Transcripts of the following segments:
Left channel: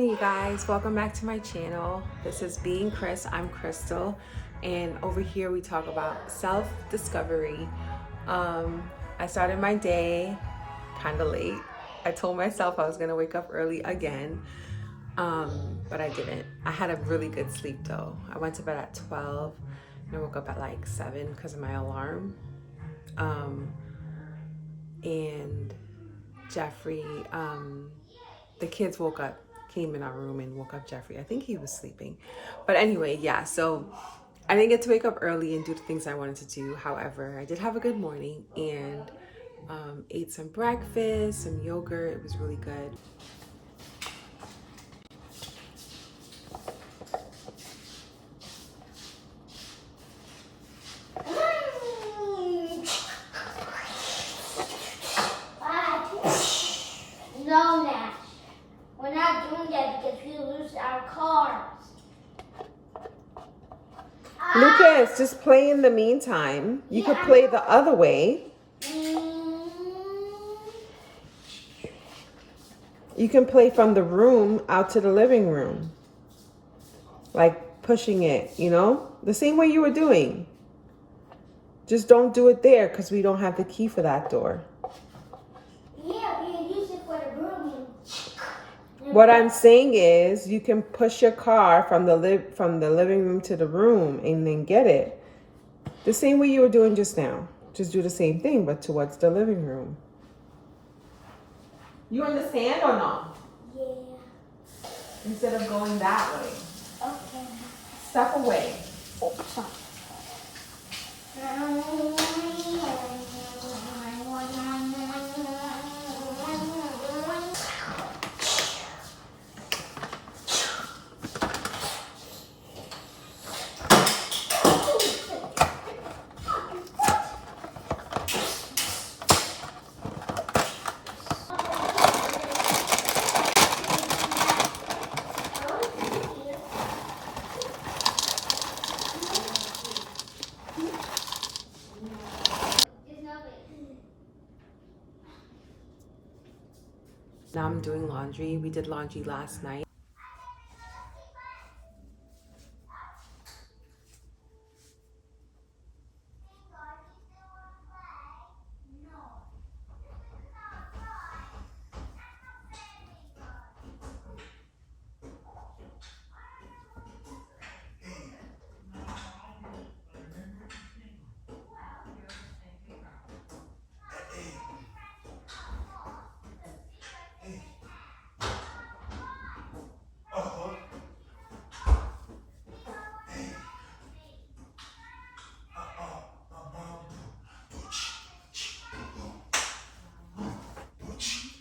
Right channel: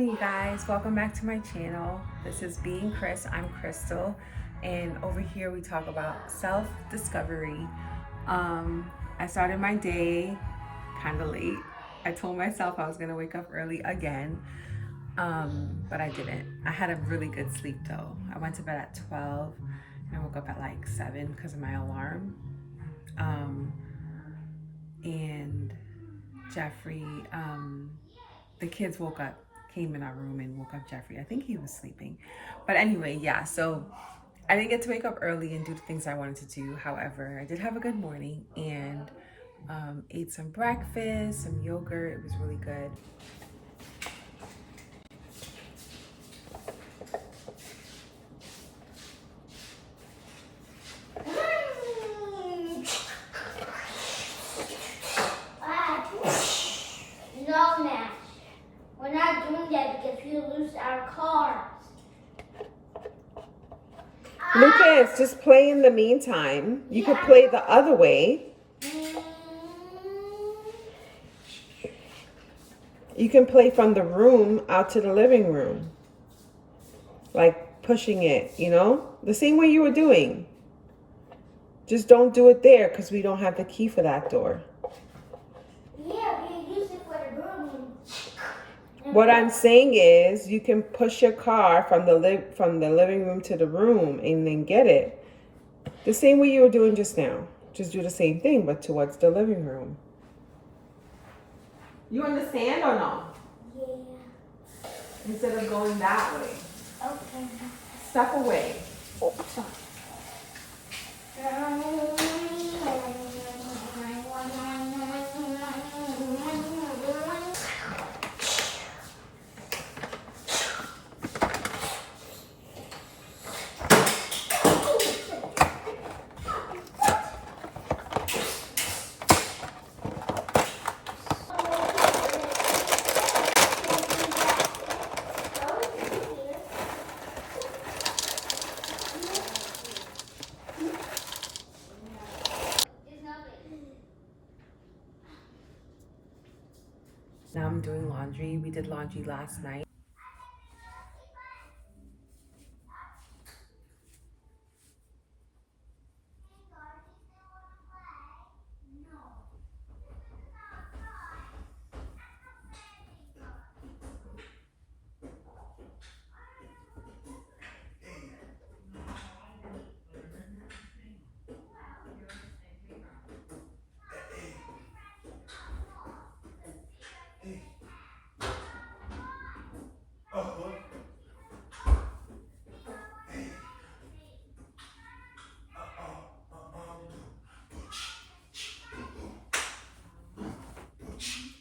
Hey you guys, welcome back to my channel. This is Being Chris. I'm Krystal, and over here we talk about self-discovery. I started my day kind of late. I told myself I was gonna wake up early again, but I didn't. I had a really good sleep though. I went to bed at 12 and I woke up at like 7 because of my alarm. And Jeffrey, the kids came in our room and woke up Jeffrey. I think he was sleeping. But anyway, yeah, so I didn't get to wake up early and do the things I wanted to do. However, I did have a good morning and ate some breakfast, some yogurt. It was really good. No, Nash. We're not doing that because we lose our cars. Lucas, just play in the meantime. You could play the other way. You can play from the room out to the living room. Like pushing it, you know? The same way you were doing. Just don't do it there because we don't have the key for that door. Yeah, we use it for the room. What I'm saying is you can push your car from the living room to the room and then get it. The same way you were doing just now. Just do the same thing but towards the living room. You understand or no? Yeah. Instead of going that way. Okay. Step away. Now I'm doing laundry. We did laundry last night.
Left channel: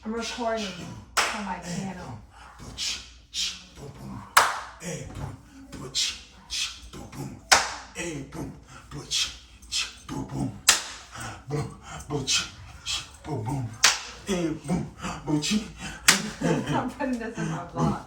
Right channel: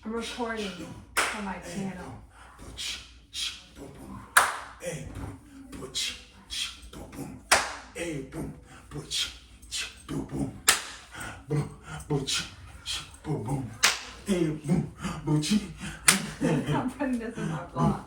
I'm recording for my channel. I'm putting this in my vlog.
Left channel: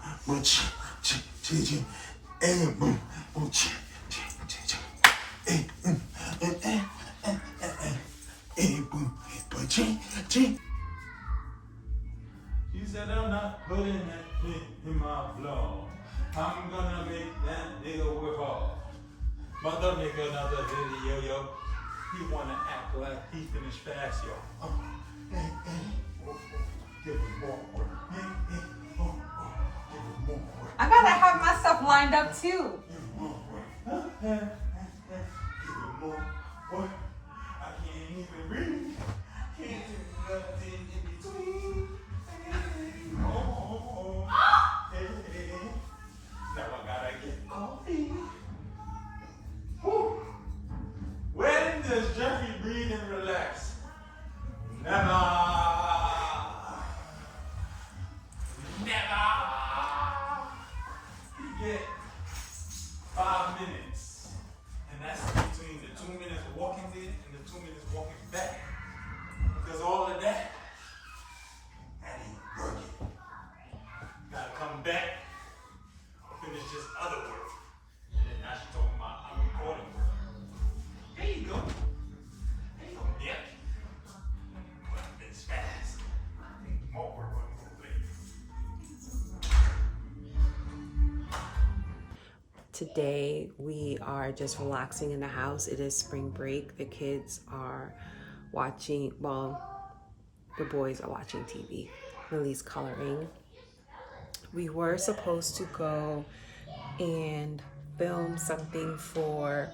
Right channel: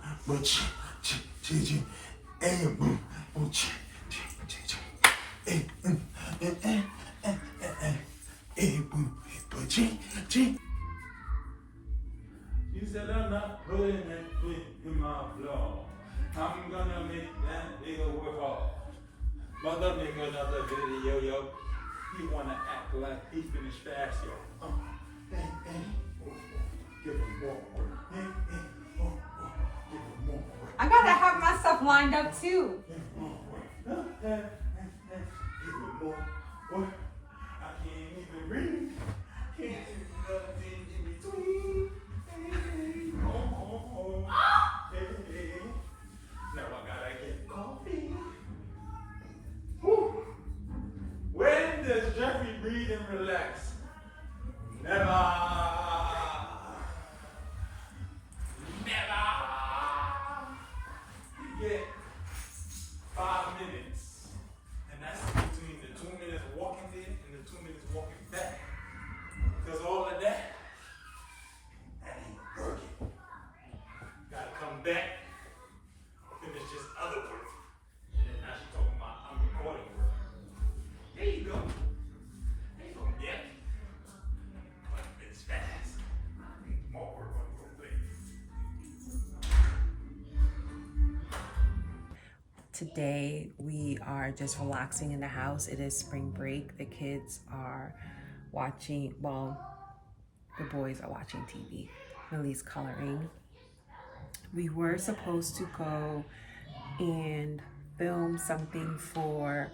She said, I'm not putting that shit in my vlog. I'm gonna make that nigga work hard. Mother make another video, yo. He wanna act like he finished fast, yo. Give him more work. Give him more work. I gotta have my stuff lined up too. Give him more work. Give him more work. I can't even breathe. Can't do nothing in between. Now I gotta get coffee. Whew. When does Jeffrey breathe and relax? Never. Never. You get 5 minutes. And that's between the 2 minutes walking in and the 2 minutes walking back. Because all of that ain't working. Gotta come back. Finish this other work. And then now she's talking about I'm recording work. There you go. There you go, yeah. It's fast. More work on the way. today we are just relaxing in the house. It is spring break. The kids are watching, well, the boys are watching TV, Lily's coloring. We were supposed to go and film something for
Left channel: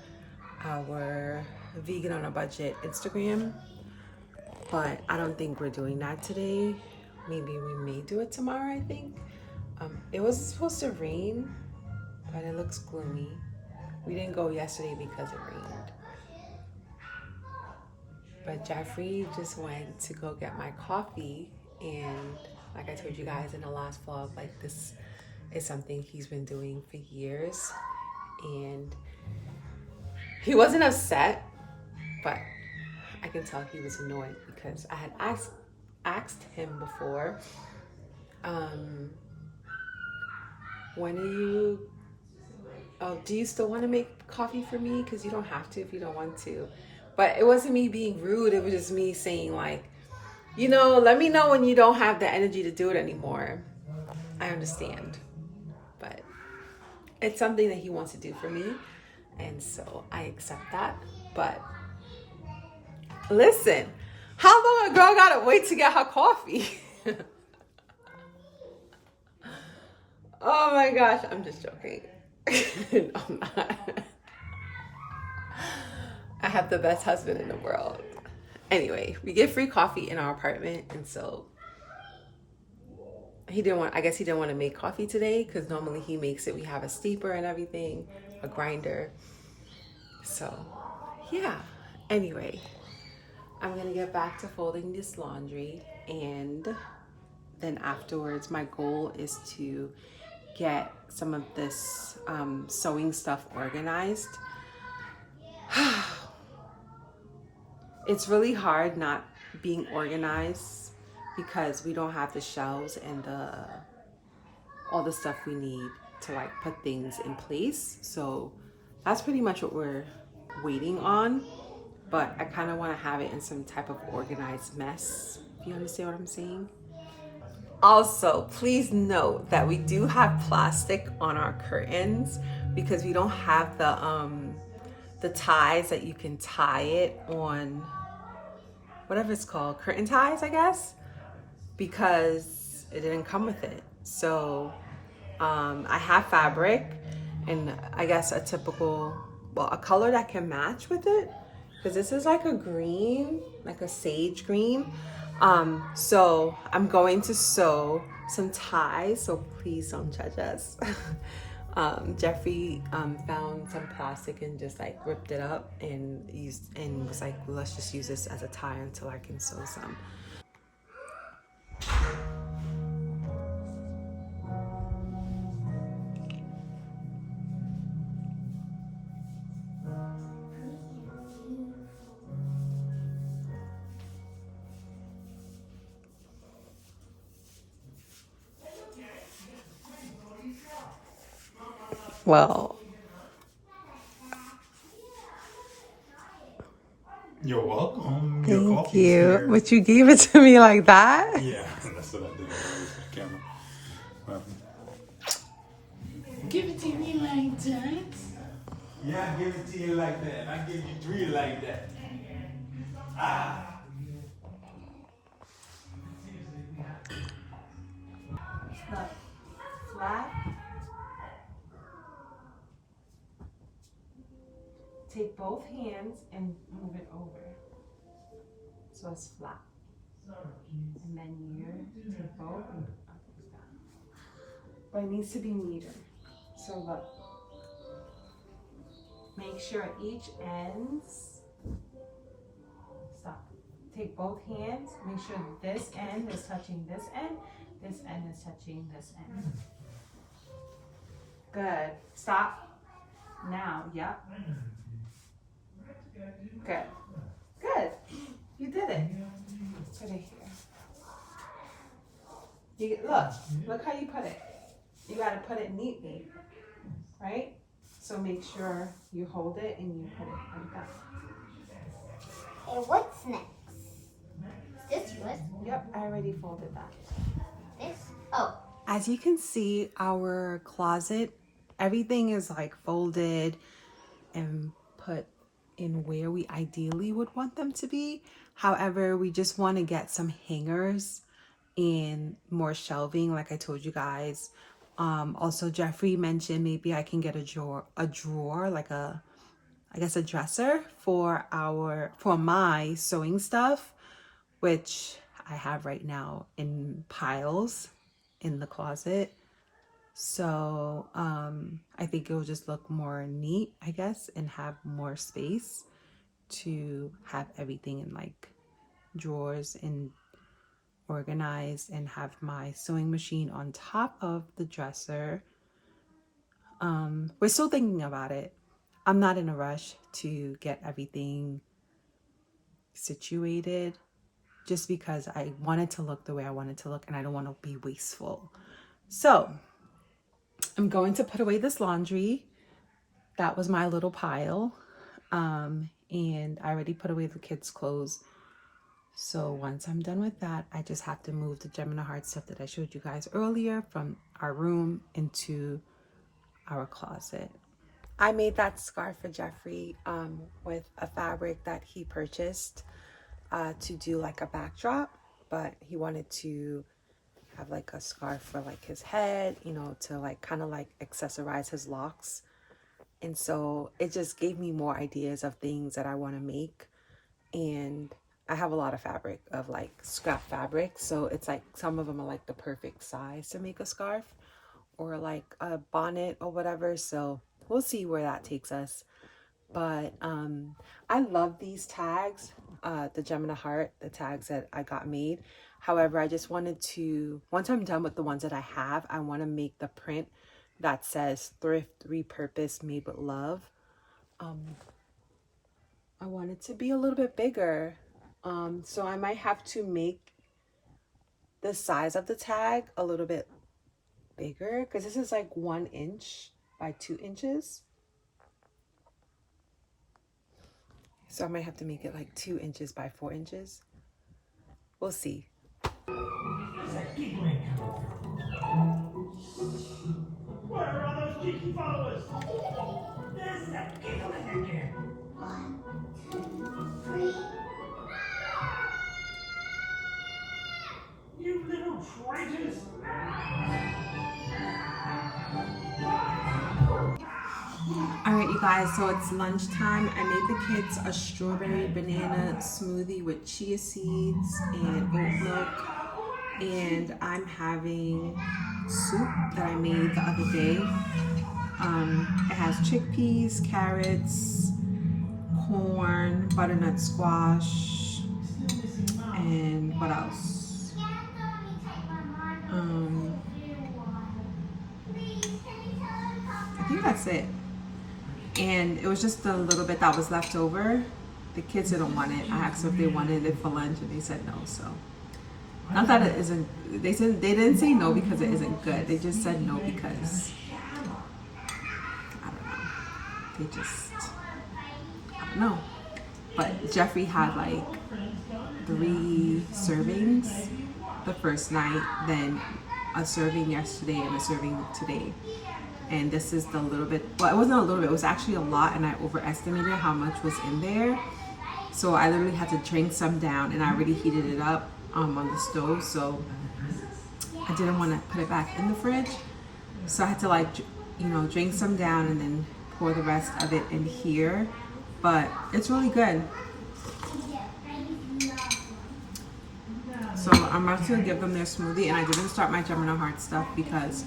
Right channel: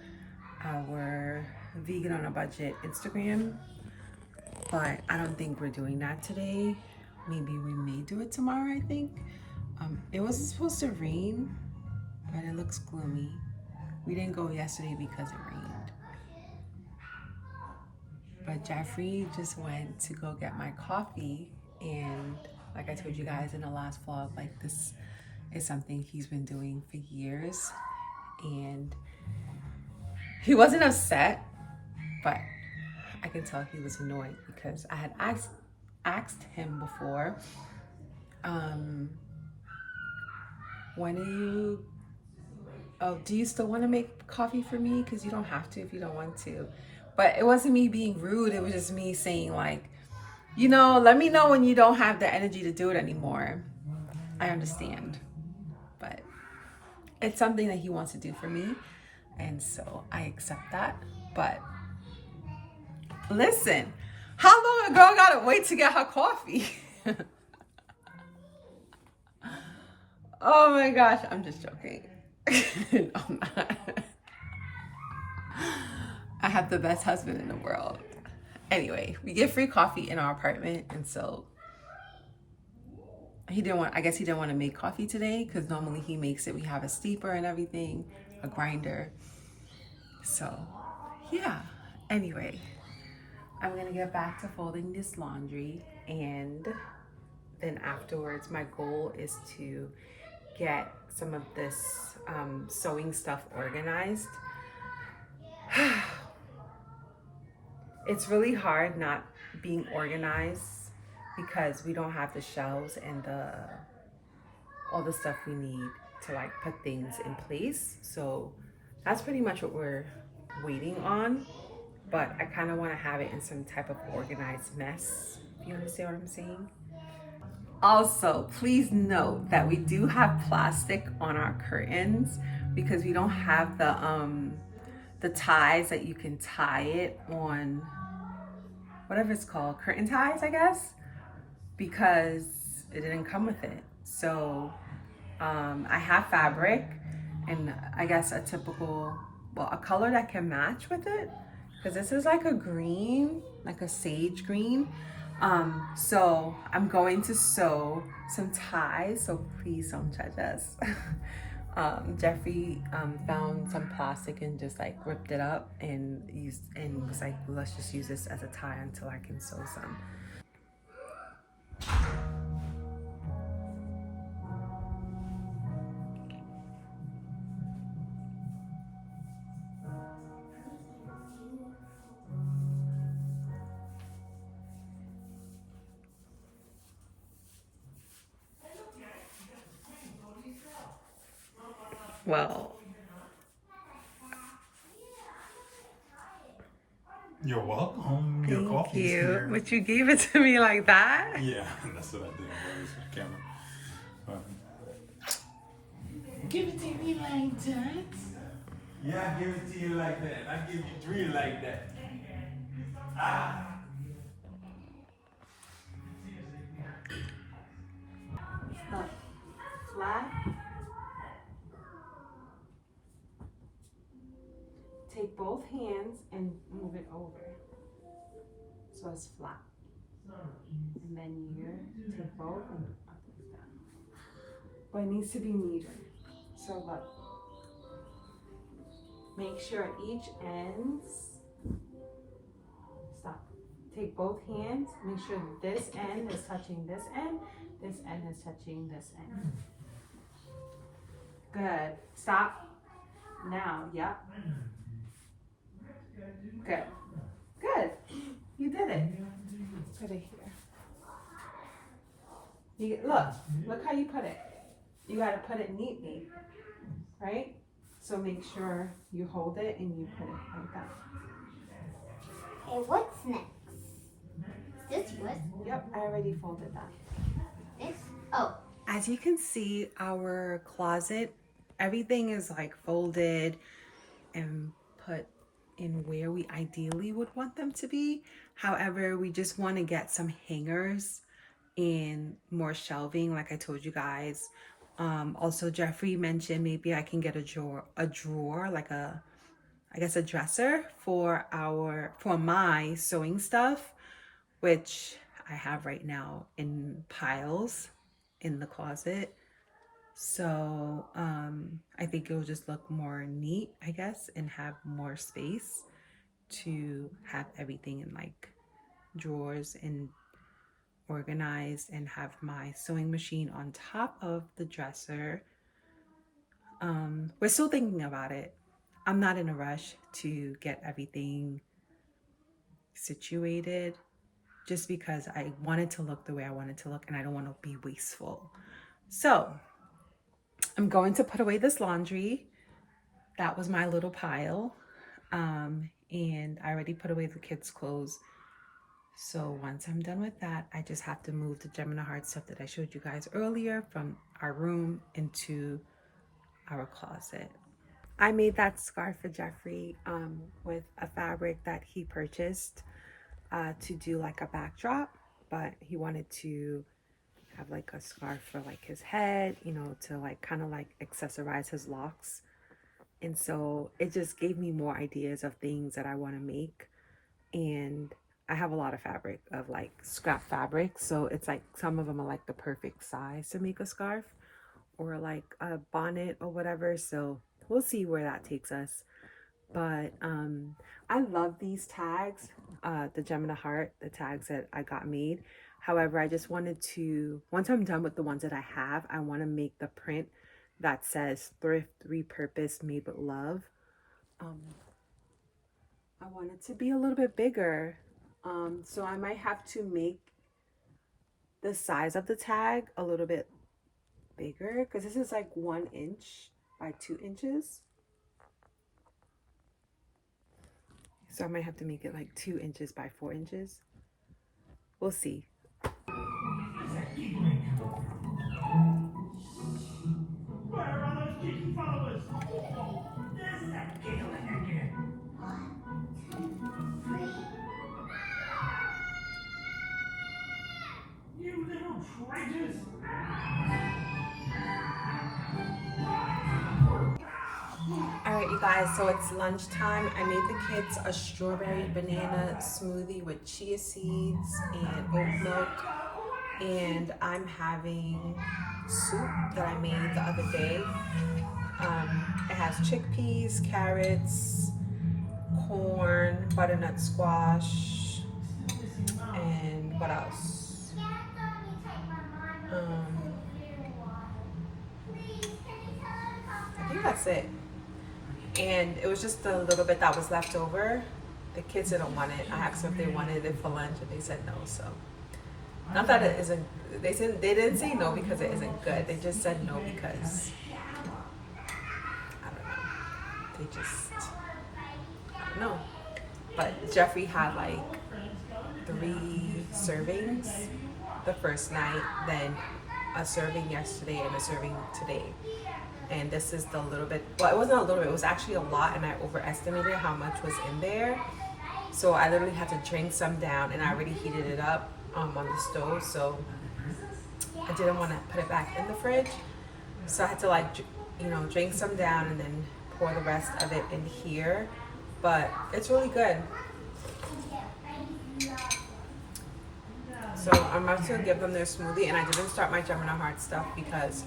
our Vegan on a Budget Instagram, but I don't think we're doing that today. Maybe we may do it tomorrow, I think. It was supposed to rain, but it looks gloomy. We didn't go yesterday because it rained. But Jeffrey just went to go get my coffee, and like I told you guys in the last vlog, like this is something he's been doing for years, and he wasn't upset, but I can tell he was annoyed because I had asked him before, when are you, oh, do you still want to make coffee for me? Because you don't have to if you don't want to. But it wasn't me being rude. It was just me saying like, you know, let me know when you don't have the energy to do it anymore. I understand. But it's something that he wants to do for me. And so I accept that. But listen, how long a girl gotta wait to get her coffee? Oh my gosh, I'm just joking. No, I'm not. I have the best husband in the world. Anyway, we get free coffee in our apartment, and so I guess he didn't want to make coffee today because normally he makes it. We have a steeper and everything, a grinder. So, yeah. Anyway, I'm going to get back to folding this laundry, and then afterwards, my goal is to get some of this sewing stuff organized. It's really hard not being organized because we don't have the shelves and all the stuff we need to like put things in place. So that's pretty much what we're waiting on. But I kind of want to have it in some type of organized mess, if you understand what I'm saying. Also, please note that we do have plastic on our curtains because we don't have the ties that you can tie it on, whatever it's called, curtain ties, I guess, because it didn't come with it. So I have fabric and I guess a typical, well, a color that can match with it, because this is like a green, like a sage green. So I'm going to sew some ties, so please don't judge us. Jeffrey found some plastic and just like ripped it up and was like, well, let's just use this as a tie until I can sew some. Well, You're welcome. Your thank coffee's you. here. But you gave it to me like that? Yeah, that's what I did. I was for the camera. Give it to me like that. Yeah, I give it to you like that. I give you 3 like that. Ah. Not flat. Take both hands and move it over so it's flat. And then you take both and up like that. But it needs to be neater. So look. Make sure each ends. Stop. Take both hands. Make sure this end is touching this end is touching this end. Good. Stop. Now. Yep. Good. Good. You did it. Put it here. Look how you put it. You gotta put it neatly, right? So make sure you hold it and you put it like that. And what's next? This one? Yep, I already folded that. This? Oh. As you can see, our closet everything is like folded and put in where we ideally would want them to be. However, we just want to get some hangers and more shelving, like I told you guys. Also, Jeffrey mentioned maybe I can get a drawer, like I guess a dresser for my sewing stuff, which I have right now in piles in the closet. So I think it will just look more neat, I guess, and have more space to have everything in like drawers and organized, and have my sewing machine on top of the dresser. We're still thinking about it. I'm not in a rush to get everything situated, just because I want it to look the way I want it to look and I don't want to be wasteful. So I'm going to put away this laundry. That was my little pile. And I already put away the kids' clothes. So once I'm done with that, I just have to move the Gemini Heart stuff that I showed you guys earlier from our room into our closet. I made that scarf for Jeffrey with a fabric that he purchased to do like a backdrop, but he wanted to have like a scarf for like his head, you know, to like kind of like accessorize his locks. And so it just gave me more ideas of things that I want to make. And I have a lot of fabric, of like scrap fabric, so it's like some of them are like the perfect size to make a scarf or like a bonnet or whatever. So we'll see where that takes us. But I love these tags, the Gemini Heart, the tags that I got made. However, I just wanted to, once I'm done with the ones that I have, I want to make the print that says thrift, repurpose, made with love. I want it to be a little bit bigger. So I might have to make the size of the tag a little bit bigger, because this is like 1 inch by 2 inches. So I might have to make it like 2 inches by 4 inches. We'll see. Where are all those geeky followers? There's that giggling again. 1, 2, 3. You little traitors! All right, you guys, so it's lunchtime. I made the kids a strawberry banana smoothie with chia seeds and oat milk. And I'm having soup that I made the other day. It has chickpeas, carrots, corn, butternut squash, and what else? I think that's it. And it was just a little bit that was left over. The kids didn't want it. I asked if they wanted it for lunch and they said no. So not that it isn't, they didn't say no because it isn't good. They just said no because I don't know. I don't know. But Jeffrey had like 3 servings the first night, then a serving yesterday and a serving today. And this is the little bit, well, it wasn't a little bit, it was actually a lot, and I overestimated how much was in there. So I literally had to drink some down, and I already heated it up on the stove, so I didn't want to put it back in the fridge. So I had to, like, you know, drink some down and then pour the rest of it in here. But it's really good. So I'm about to give them their smoothie, and I didn't start my Gemini Heart stuff because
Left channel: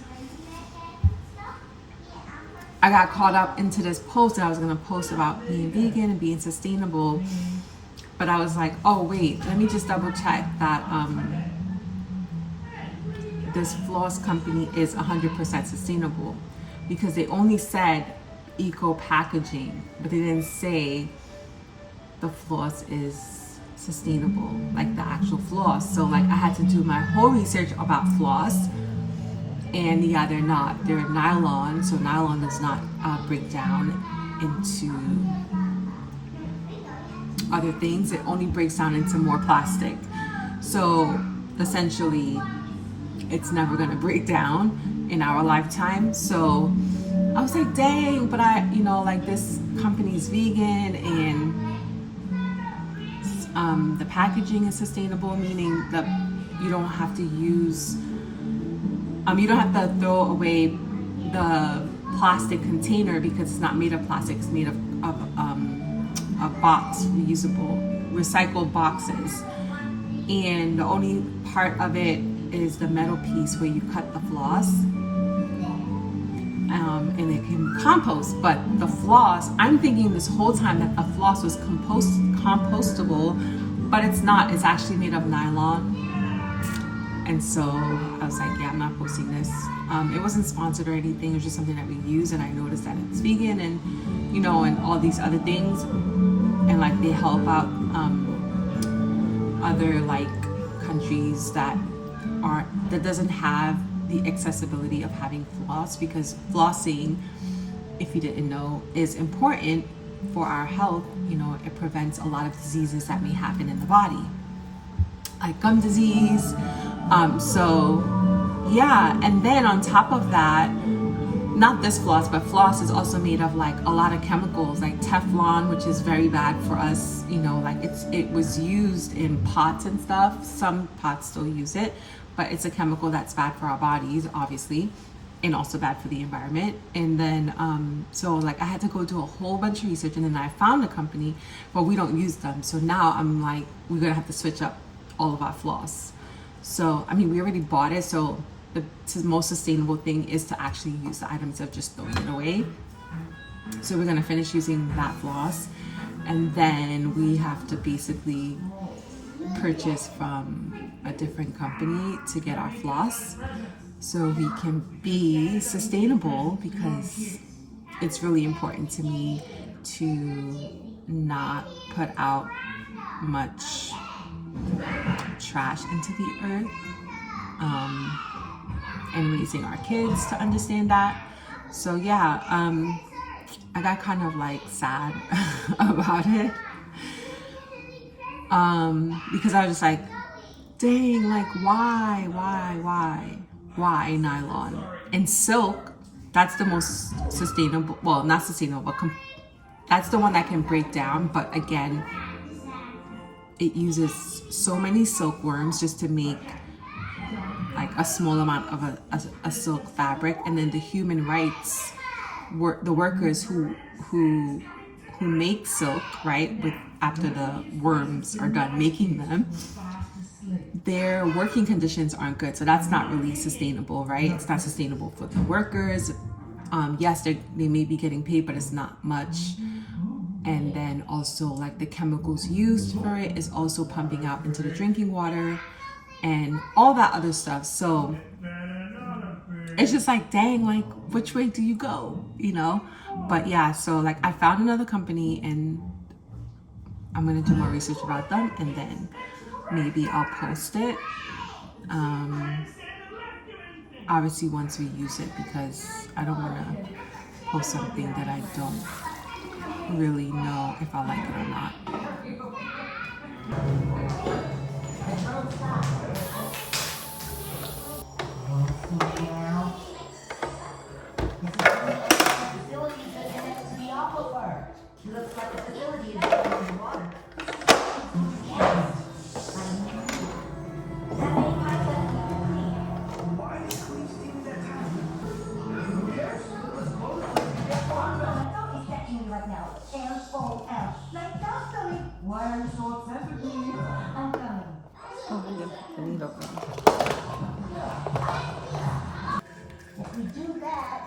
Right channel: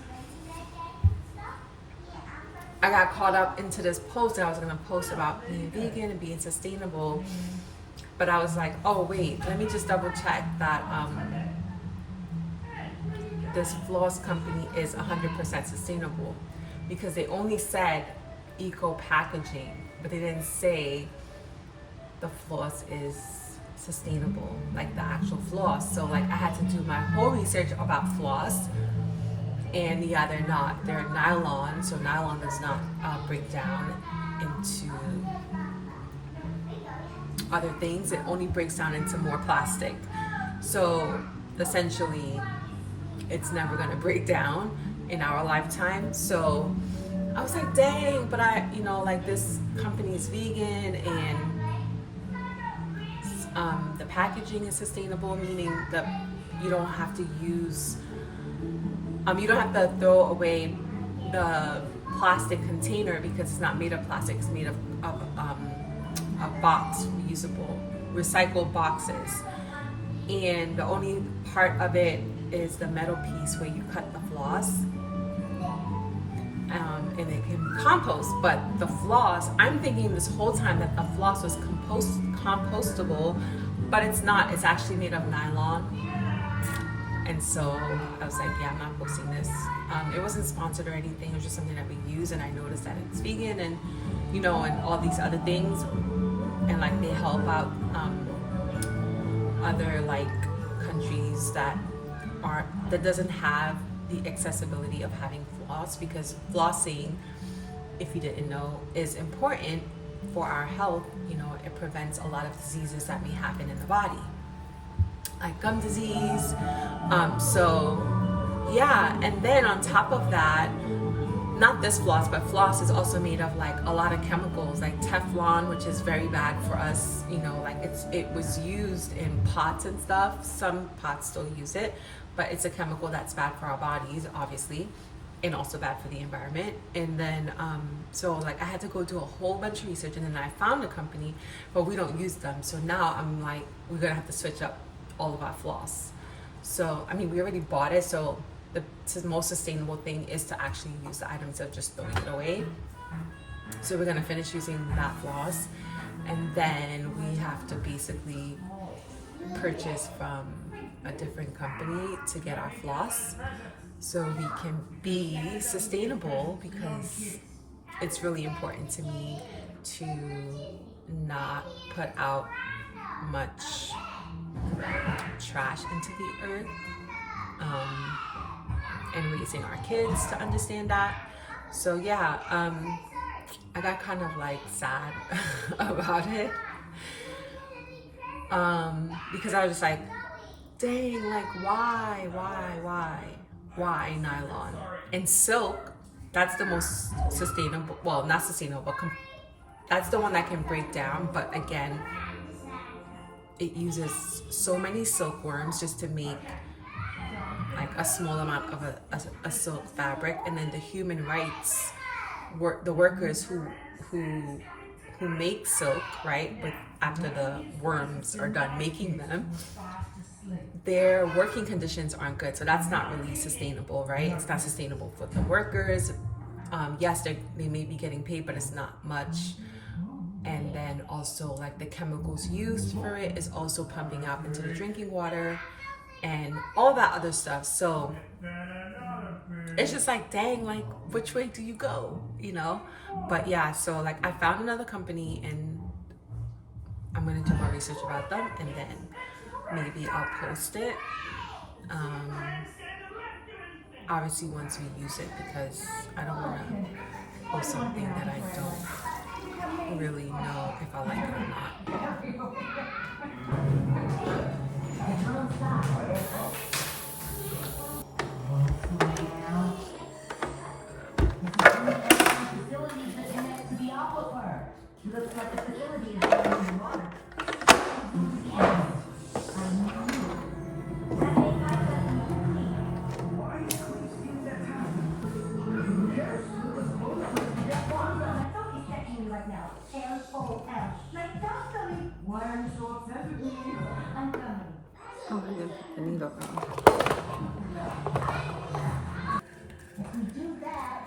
I got caught up into this post that I was going to post about being vegan and being sustainable. But I was like, oh wait, let me just double check that this floss company is 100% sustainable, because they only said eco packaging, but they didn't say the floss is sustainable, like the actual floss. So like I had to do my whole research about floss. And yeah, they're not. They're nylon, so nylon does not break down into other things. It only breaks down into more plastic. So essentially, it's never going to break down in our lifetime. So I was like, dang, but like this company's vegan and the packaging is sustainable, meaning that you don't have to use, you don't have to throw away the plastic container because it's not made of plastic, it's made of a box, reusable, recycled boxes. And the only part of it is the metal piece where you cut the floss. And it can compost, but the floss, I'm thinking this whole time that the floss was compostable, but it's not. It's actually made of nylon. And so I was like, yeah, I'm not posting this. It wasn't sponsored or anything. It was just something that we use, and I noticed that it's vegan and and all these other things, and like they help out other like countries that doesn't have the accessibility of having floss, because flossing, if you didn't know, is important for our health. It prevents a lot of diseases that may happen in the body, like gum disease. So yeah, and then on top of that, not this floss, but floss is also made of like a lot of chemicals, like Teflon, which is very bad for us. Like it was used in pots and stuff. Some pots still use it, but it's a chemical that's bad for our bodies, obviously, and also bad for the environment. And then so like I had to go do a whole bunch of research, and then I found a company, but we don't use them. So now I'm like, we're gonna have to switch up all of our floss. So I mean, we already bought it, so the most sustainable thing is to actually use the items of just throwing it away. So we're gonna finish using that floss, and then we have to basically purchase from a different company to get our floss, so we can be sustainable, because it's really important to me to not put out much trash into the earth, and raising our kids to understand that. So yeah, I got kind of like sad about it, because I was just like, dang, like why nylon and silk? That's the most sustainable, well, not sustainable, but that's the one that can break down. But again, it uses so many silkworms just to make like a small amount of a silk fabric. And then the human rights the workers who make silk, right, after the worms are done making them, their working conditions aren't good. So that's not really sustainable, right? It's not sustainable for the workers. Yes, they may be getting paid, but it's not much. And then also like the chemicals used for it is also pumping out into the drinking water and all that other stuff. So it's just like, dang, like which way do you go, But yeah, so like I found another company, and I'm gonna do more research about them, and then maybe I'll post it, obviously once we use it, because I don't want to post something that I don't really know if I like it or not. Oh, I didn't put the needle in. If we do that,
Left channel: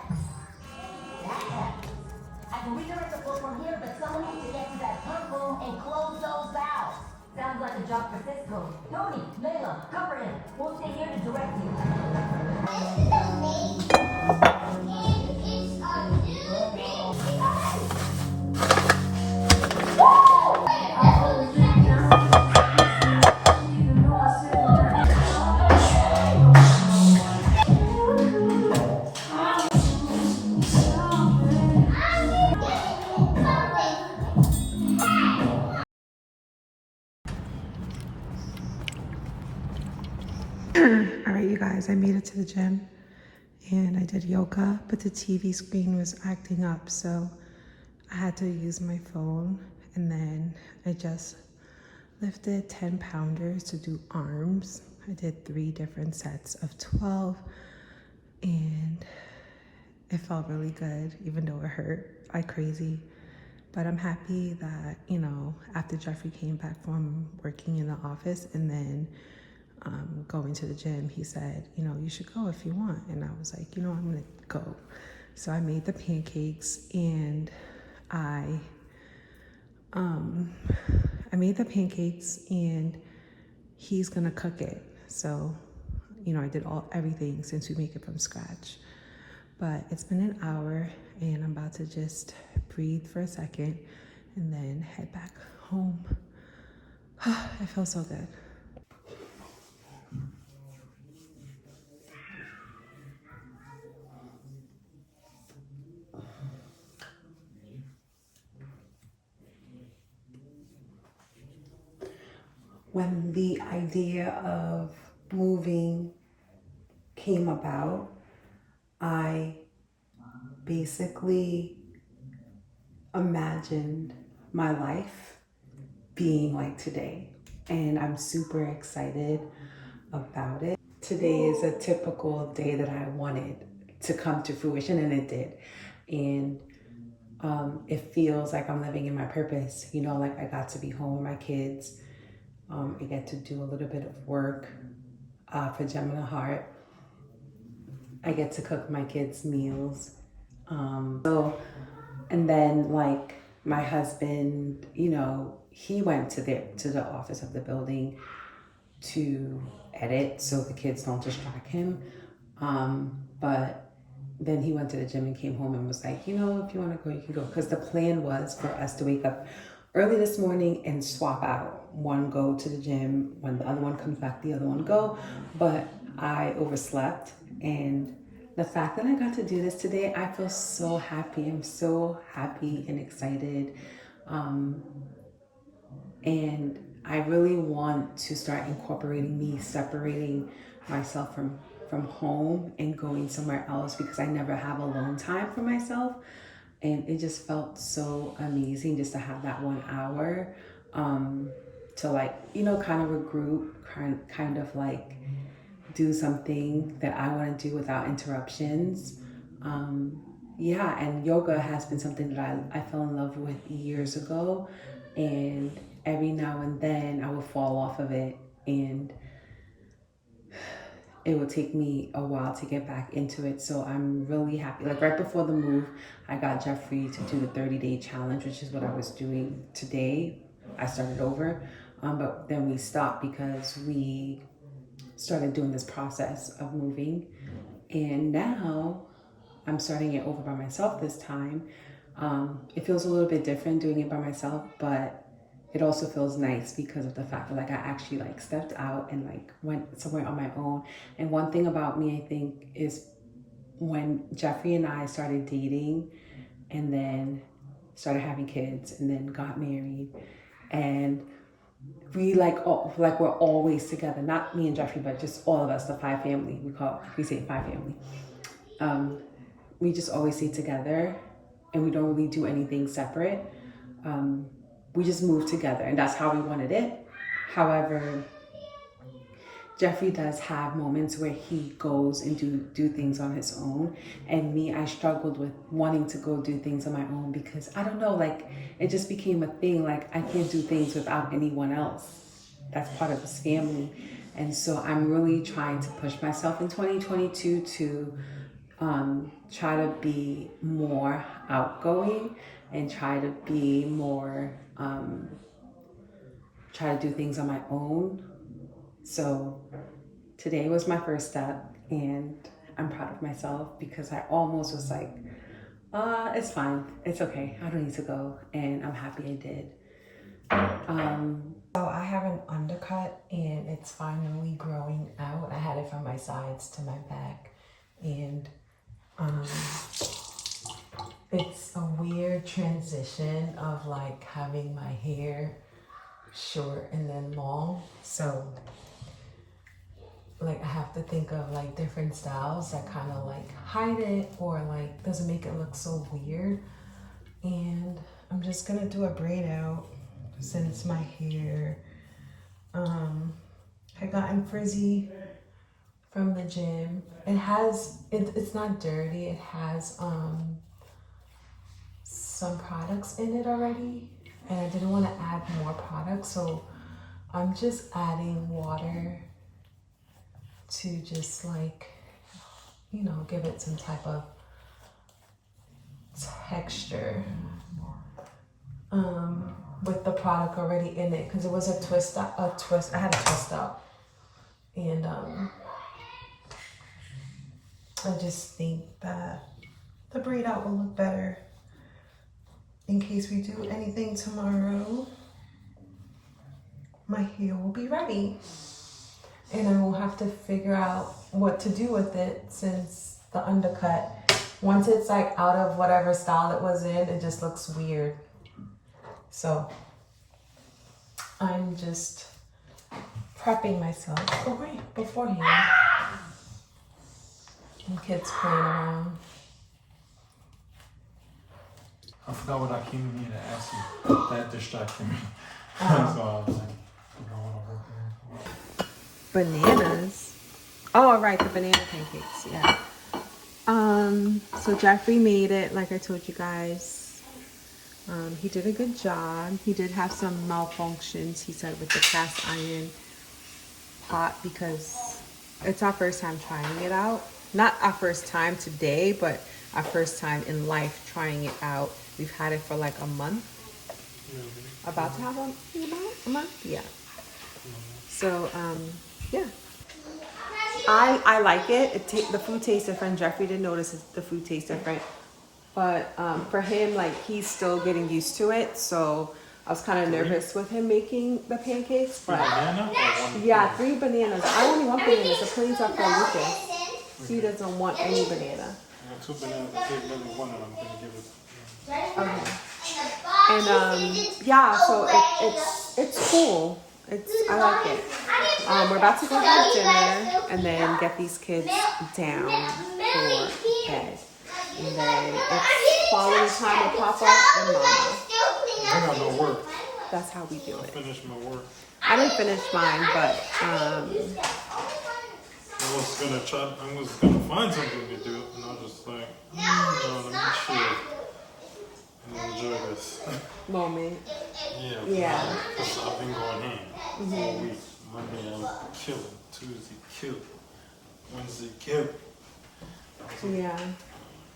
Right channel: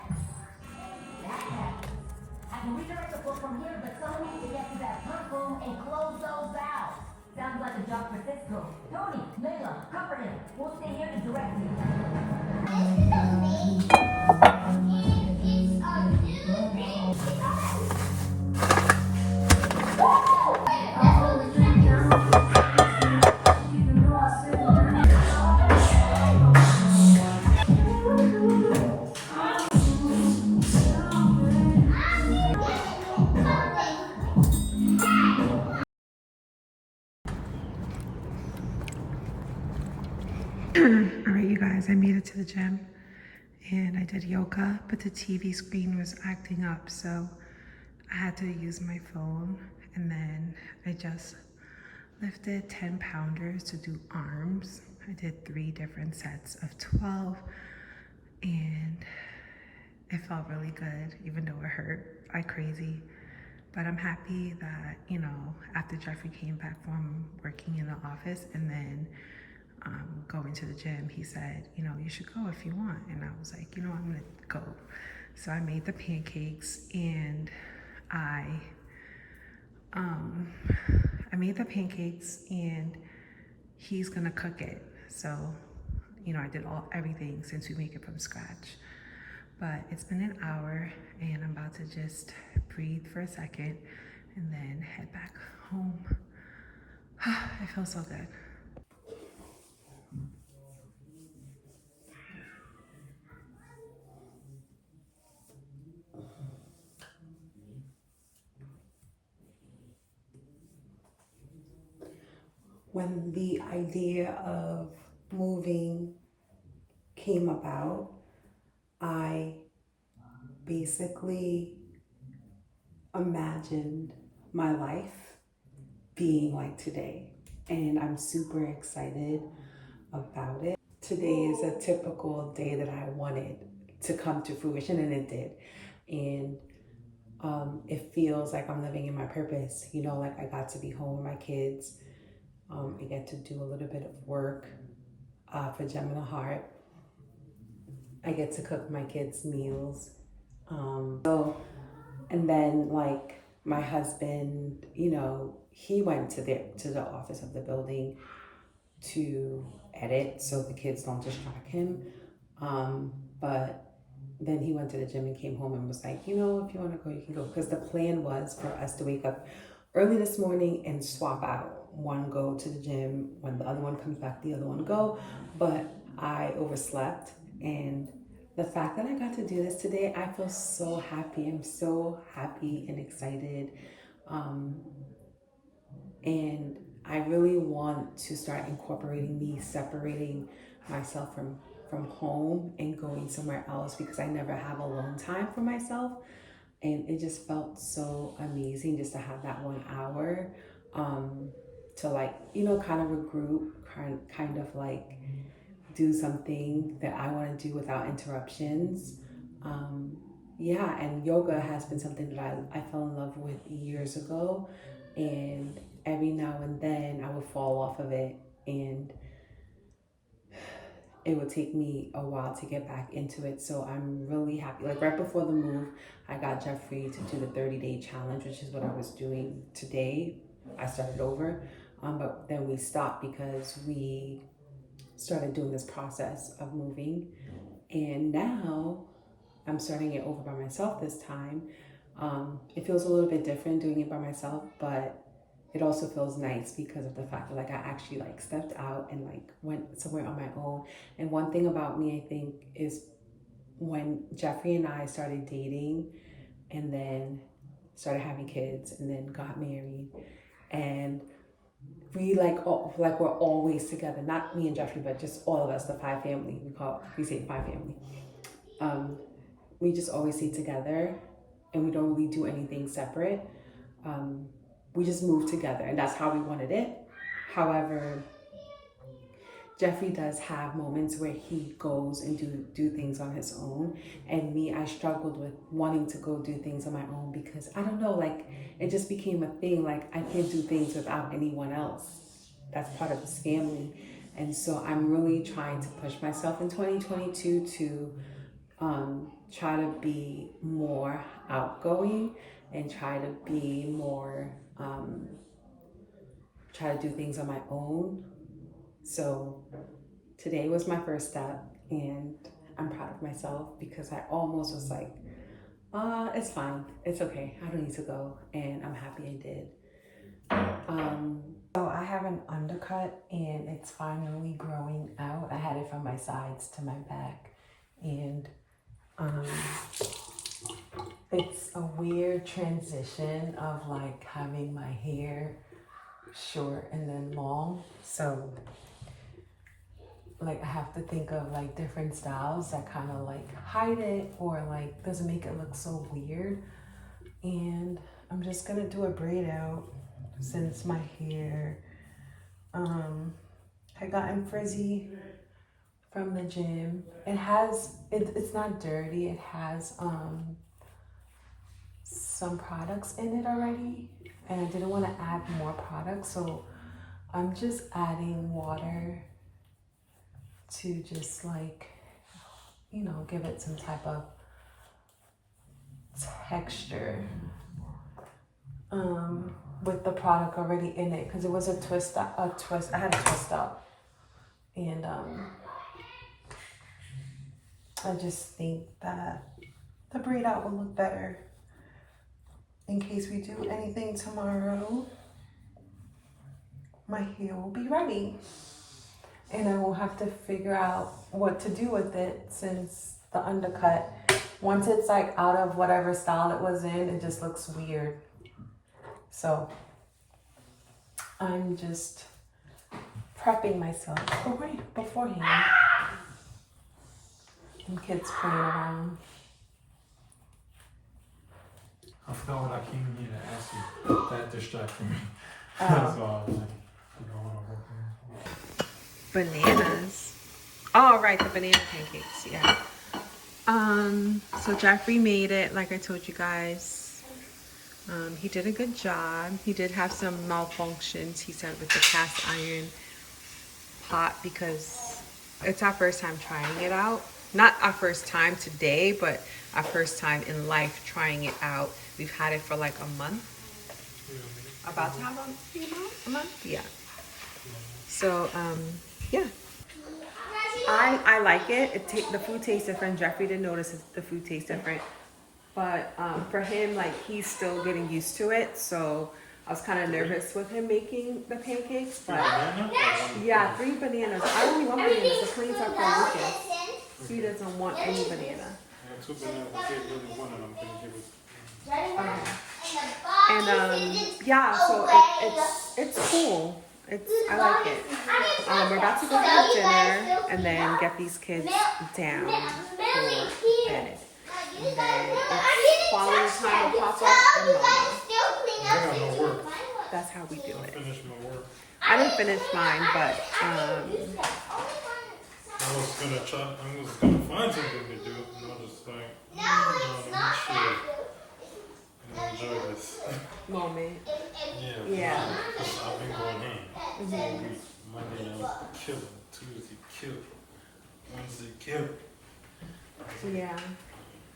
I can redirect the flow from here, but someone needs to get to that purple and close those valves. Sounds like a job for Cisco. Tony, Layla, cover him. We'll stay here to direct you. All right, you guys, I made it to the gym, and I did yoga, but the TV screen was acting up, so I had to use my phone. And then I just lifted 10 pounders to do arms. I did 3 different sets of 12, and it felt really good, even though it hurt like crazy. But I'm happy that, you know, after Jeffrey came back from working in the office and then going to the gym, he said, you know, you should go if you want. And I was like, you know, I'm gonna go. So I made the pancakes, and I made the pancakes, and he's gonna cook it. So, you know, I did everything since we make it from scratch. But it's been an hour, and I'm about to just breathe for a second and then head back home. It feels so good. When the idea of moving came about, I basically imagined my life being like today, and I'm super excited about it. Today is a typical day that I wanted to come to fruition, and it did. And it feels like I'm living in my purpose. You know, like I got to be home with my kids. I get to do a little bit of work for Gem and the Heart. I get to cook my kids' meals. And then like my husband, you know, he went to the office of the building to edit so the kids don't distract him. But then he went to the gym and came home and was like, you know, if you want to go, you can go. Because the plan was for us to wake up early this morning and swap out. One go to the gym, when the other one comes back, the other one go. But I overslept, and the fact that I got to do this today, I feel so happy. I'm so happy and excited. And I really want to start incorporating me separating myself from home and going somewhere else, because I never have alone time for myself. And it just felt so amazing just to have that 1 hour to like, you know, kind of regroup, kind of like do something that I want to do without interruptions. Yeah, and yoga has been something that I fell in love with years ago, and every now and then I would fall off of it, and it would take me a while to get back into it. So I'm really happy. Like right before the move, I got Jeffrey to do the 30-day challenge, which is what I was doing today. I started over, but then we stopped because we started doing this process of moving, and now I'm starting it over by myself this time. It feels a little bit different doing it by myself, but it also feels nice because of the fact that like I actually like stepped out and like went somewhere on my own. And one thing about me, I think, is when Jeffrey and I started dating and then started having kids and then got married, and we we're always together, not me and Jeffrey, but just all of us, the 5 family. We say 5 family. We just always stay together, and we don't really do anything separate. We just move together, and that's how we wanted it. However, Jeffrey does have moments where he goes and do things on his own, and me, I struggled with wanting to go do things on my own because I don't know, like it just became a thing. Like I can't do things without anyone else that's part of this family. And so I'm really trying to push myself in 2022 to try to be more outgoing and try to be more try to do things on my own. So today was my first step, and I'm proud of myself because I almost was like, it's fine, it's okay, I don't need to go, and I'm happy I did. So I have an undercut, and it's finally growing out. I had it from my sides to my back, and it's a weird transition of like having my hair short and then long. So like I have to think of like different styles that kind of like hide it or like doesn't make it look so weird. And I'm just gonna do a braid out since my hair had gotten frizzy from the gym. It's not dirty. It has some products in it already, and I didn't want to add more products, so I'm just adding water to just like, you know, give it some type of texture with the product already in it, because it was a twist. I had a twist out, and I just think that the braid out will look better in case we do anything tomorrow. My hair will be ready, and I will have to figure out what to do with it, since the undercut, once it's like out of whatever style it was in, it just looks weird. So I'm just prepping myself beforehand. And kids playing around. I forgot what I came here to ask you. That distracted me. That's why I was like, Bananas. Oh, right, the banana pancakes, yeah. So Jeffrey made it, like I told you guys. He did a good job. He did have some malfunctions, he said, with the cast iron pot, because it's our first time trying it out. Not our first time today, but our first time in life trying it out. We've had it for like a month. About to have a month? Yeah. So, yeah. I like it. The food tastes different. Jeffrey did notice the food tastes different. But for him, like, he's still getting used to it. So I was kind of nervous with him making the pancakes. But yeah, 3 bananas. I only want bananas. The planes are for Lucas. He doesn't want any banana. 2 bananas. I think maybe one of them can give it. Okay. And yeah, so it's cool. I like it. We're about to go have dinner and then get these kids down for bed. And then it's quality time with Papa and Mama. I got no work. That's how we do I it. finished my work. I didn't finish mine, but I was gonna find something to do, and I was just like, no, let me chill and enjoy this moment. Yeah. Because I've been going in all week. Monday I was killing, Tuesday killing, Wednesday killing. Yeah.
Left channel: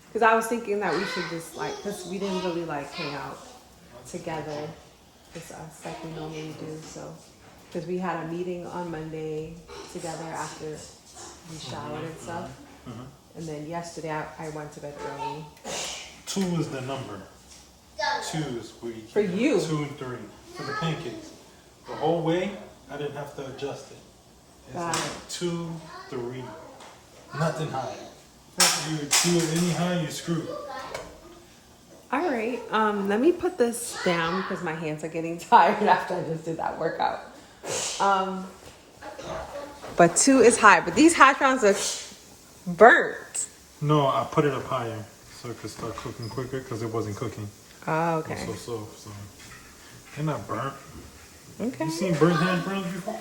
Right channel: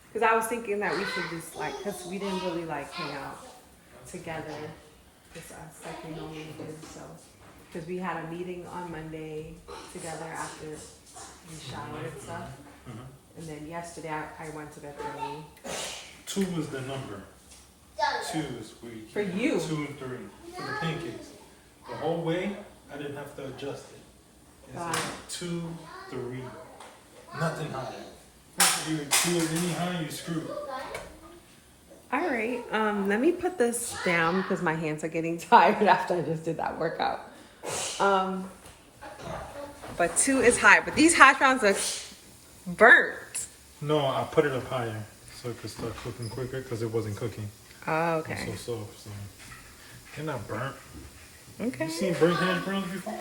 Because I was thinking that we should just like, because we didn't really like hang out together, just us like we normally do. So, because we had a meeting on Monday together after we showered and stuff. And then yesterday I went to bed early. 2 is the number. 2 is where you For you? 2 and 3 for the pancakes. The whole way I didn't have to adjust it. It's Got like it. 2, 3, nothing high. Okay. You 2 is any high, you're screwed. All right. Let me put this down because my hands are getting tired after I just did that workout. But 2 is high. But these hash browns are burnt. No, I put it up higher so it could start cooking quicker because it wasn't cooking. Oh, okay. It's so soft, so they're not burnt. Okay. You seen burnt handprints before?